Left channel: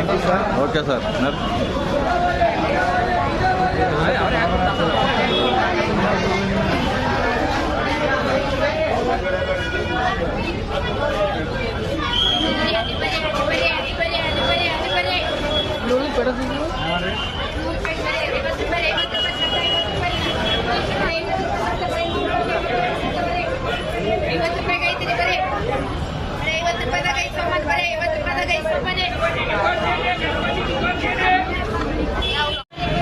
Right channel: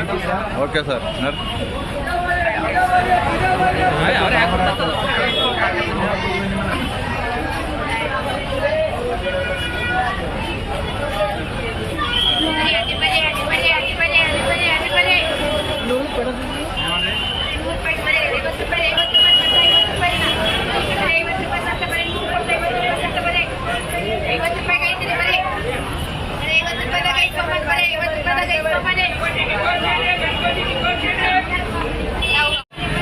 Okay sir नर लूलू पड़ा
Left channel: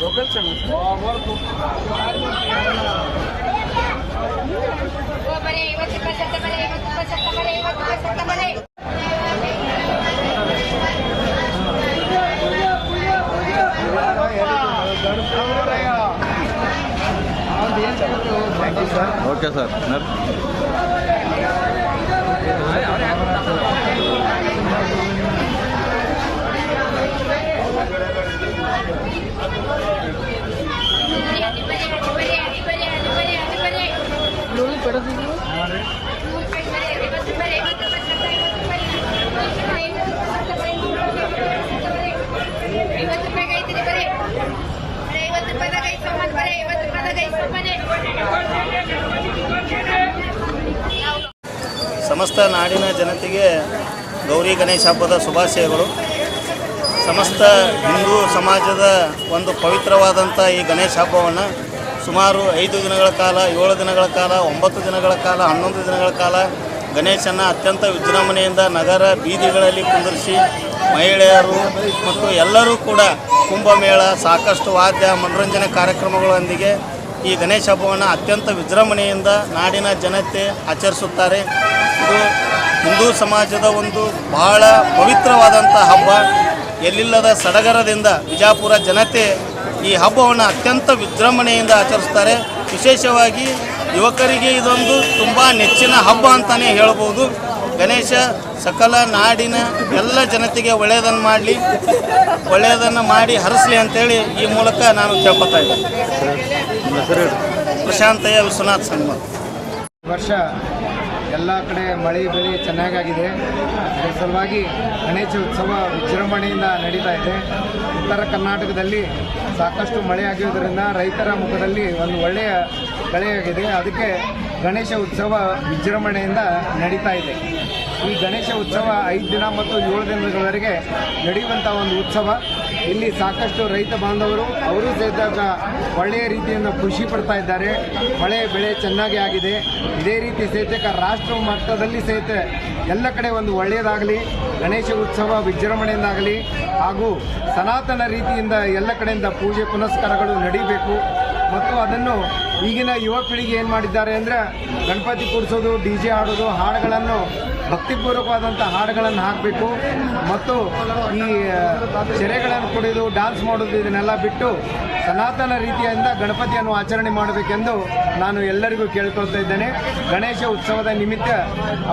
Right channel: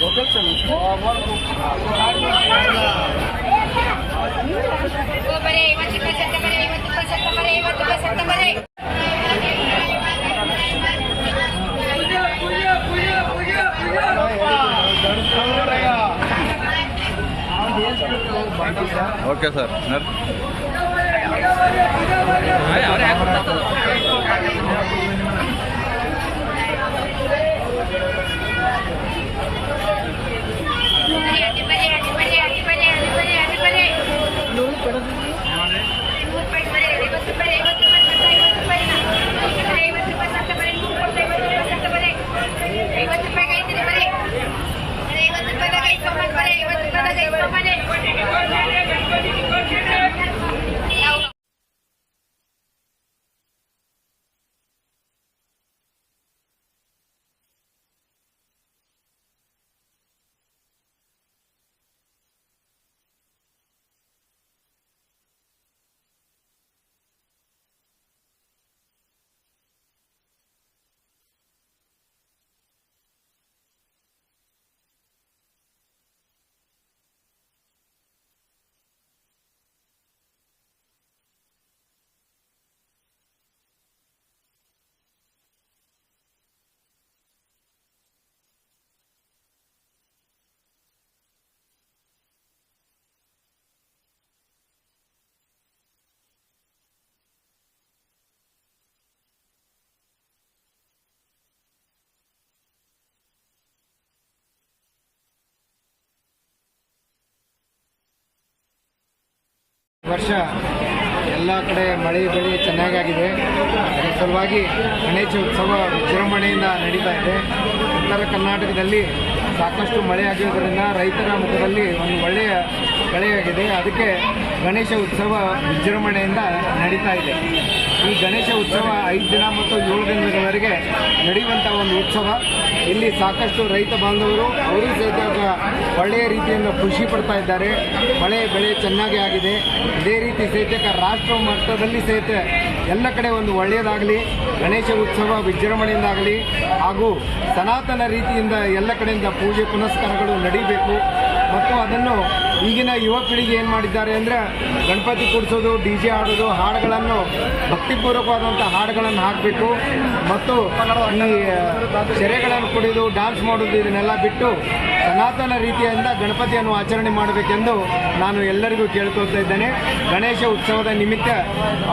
ಬಪ್ಪ ಯಾವ ಬರ್ತ ओके सर नर पड़ा पढ़ ಸಮಸ್ತ ನಾಡಿನ ಜನತೆಗೆ ಗೌರಿ ಗಣೇಶ ಹಬ್ಬದ ಶುಭಾಶಯಗಳು. ಸಮಸ್ತ ಹಿಂದೂ ಸಮಾಜದ ಒಂದು ಪವಿತ್ರವಾದಂಥ ಈ ಗಣೇಶ ಹಬ್ಬವನ್ನು ಸುಮಾರು ಐದು ದಿನಗಳ ಕಾಲ, ಏಳು ದಿನಗಳ ಕಾಲ, ಒಂಬತ್ತು ದಿನಗಳ ಕಾಲ, ಹನ್ನೊಂದು ದಿನಗಳ ಕಾಲ ಗಣೇಶನ ಅತ್ಯಂತ ವಿಜೃಂಭಣೆಯಿಂದ ನಗರ ಬೀದಿಗಳಲ್ಲಿ ಕುಂದಿರಿಸಿ ಮಹಿಳೆಯರು ಮತ್ತು ಎಲ್ಲರೂ ಕೂಡ ಕುಂಭಮೇಳ, ಸಾಕಷ್ಟು ವಾದ್ಯ, ಮನೋರಂಜನೆ ಕಾರ್ಯಕ್ರಮಗಳೊಂದಿಗೆ ಈ ಗಣೇಶ ಹಬ್ಬವನ್ನು ಅತ್ಯಂತ ವಿಜೃಂಭಣೆಯಿಂದ ನಾಡಿನ ಜನತೆ ಆಚರಿಸುತ್ತಾರೆ. ಇದು ಹಿಂದೂ ಸಮಾಜದ ಒಂದು ಬಹಳ ಪವಿತ್ರವಾದಂಥ ಹಬ್ಬ. ಎಲ್ಲಿಲ್ಲದ ಸಡಗರದಿಂದ ವಿಜಾಪುರ ಜನತೆ ಈ ಹಬ್ಬವನ್ನು ಅತ್ಯಂತ ವಿಜೃಂಭಣೆಯಿಂದ ಆಚರಿಸ್ತಾರೆ ವಿಶೇಷವಾಗಿ ಯುವಕರಿಗೆ ಇದೊಂದು ತುಂಬ ನೆಚ್ಚಿನ ಹಬ್ಬ ಅಂತಲೇ ಹೇಳ್ಬೋದು. ಗಣೇಶ ಸಕಲ ನಾಡಿನ ಎಲ್ಲ ಜನತೆಗೆ ಒಳ್ಳೆಯದನ್ನು ಮಾಡಲಿ, ಒಳ್ಳೆಯದನ್ನು ಮಾಡಿ ಹರಿಸ್ಲಿ ಅಂತೇಳಿ ಈ ಮೂಲಕ ನಾನು ಕೇಳ್ಕೊತಾ ಪ್ರಶಾಂತಯ್ಯ ವಿಶ್ವನಾಥ್ ಸಂಗಮ. ವರ್ಷ ಎಲ್ಲ ಕಡೆ ಮಳೆ ಬೆಳೆ ಚೆನ್ನಾಗಾಗಿದೆ. ಅದರ ಸಲುವಾಗಿ ಗಣೇಶ ಉತ್ಸವ ವಿಜೃಂಭಣೆಯಿಂದ ನಡೀತಾ ಇದೆ. ಉತ್ತರ ಕರ್ನಾಟಕದಲ್ಲಿ ಸಾಕಷ್ಟು ಮಳೆ ಆಗಿರೋದ್ರಿಂದ ರೈತರ ಮುಖದಲ್ಲಿ ಒಂದು ಒಳ್ಳೆಯ ಕಳೆಯಾಗಿದೆ ಅದಕ್ಕೆ ಗಣೇಶ ಉತ್ಸವ ವಿಜೃಂಭಣೆಯಿಂದ ನಡೀತಾ ಇದೆ. ಈ ಗಣೇಶ ಉತ್ಸವ ಐದು ದಿನ ಮತ್ತು ಏಳು ದಿನಗಳವರೆಗೆ ನಡೆಯುವಂಥ ಒಂದು ಉತ್ಸವ. ಇಲ್ಲಿ ಸಾಕಷ್ಟು ರೈತ ಬಾಂಧವರು, ಅವರು ಸಹಿತ ಒಳ್ಳೆಯ ರೀತಿಯಿಂದ ಖುಷಿ ಪಡ್ತಾ ಇದ್ದಾರೆ. ಮಳೆ ಬೆಳೆ ಚೆನ್ನಾಗಿ ಆಗಿದೆ. ಇದೇ ರೀತಿ ಸಹಿತ ರಾಷ್ಟ್ರ ಮಟ್ಟದಲ್ಲಿ ಸಹಿತ ಎಲ್ಲ ಕಡೆ ಒಂದು ಒಳ್ಳೆಯದಾಗಲಿ, ಗಣೇಶ ಉತ್ಸವ ವಿಜೃಂಭಣೆಯಿಂದಾಗಲಿ ಹಾಗೂ ಸನಾತನ ರೀತಿಯಿಂದ ಎಲ್ಲ ಕಡೆಯಿಂದ ಪೂಜೆ ಪುನಸ್ಕಾರಗಳು ನಡೀಬೇಕು. ಮತ್ತು ಅದನ್ನು ಈಗಿನ ಯುವ ಪೀಳಿಗೆ ಏನು ಮಾಡಿದ್ದಾರೆ ಅಂದರೆ ಗಣಪತಿ ಕೂಡಿಸೋದು ಡಿ ಜೆ ಹಾಡೋದು ಹಾಡುಗಳನ್ನು ಭಕ್ತಿಪೂರ್ವಕವಾದಂಥ ಹಾಡುಗಳನ್ನು ಹಾಕಬೇಕು ಮತ್ತು ಈ ಸೆರೆಗಳನ್ನು ಕುಡಿದು ಡ್ಯಾನ್ಸ್ ಮಾಡೋದು ಇದನ್ನೆಲ್ಲ ಬಿಟ್ಟು ಸನಾತನ ರೀತಿಯಿಂದ ಗಣಪತಿಯನ್ನು ಆಚರಣೆ ಮಾಡಬೇಕೆಂದು ನಾನು ಎಲ್ಲರಿಗೂ ಕೇಳ್ಕೊಳ್ತಾ ಇದ್ದೇನೆ. ಗಣೇಶ ಉತ್ಸವದ ನಿಮಿತ್ತ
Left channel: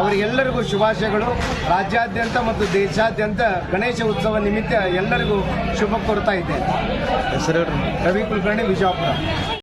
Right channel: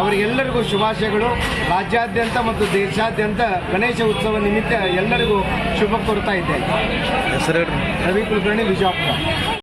ಅವರಿಗೆಲ್ಲರಿಗೂ ಶುಭಾಶಯಗಳು. ರಾಜ್ಯಾದ್ಯಂತ ಮತ್ತು ದೇಶಾದ್ಯಂತ ಗಣೇಶ ಉತ್ಸವ ನಿಮಿತ್ತ ಎಲ್ಲರಿಗೂ ಶುಭ ಕೋರ್ತಾ ಇದ್ದೇನೆ. ಹೆಸರು ರವಿ ಕುಲಕರ್ಣಿ ವಿಜಯಪುರ.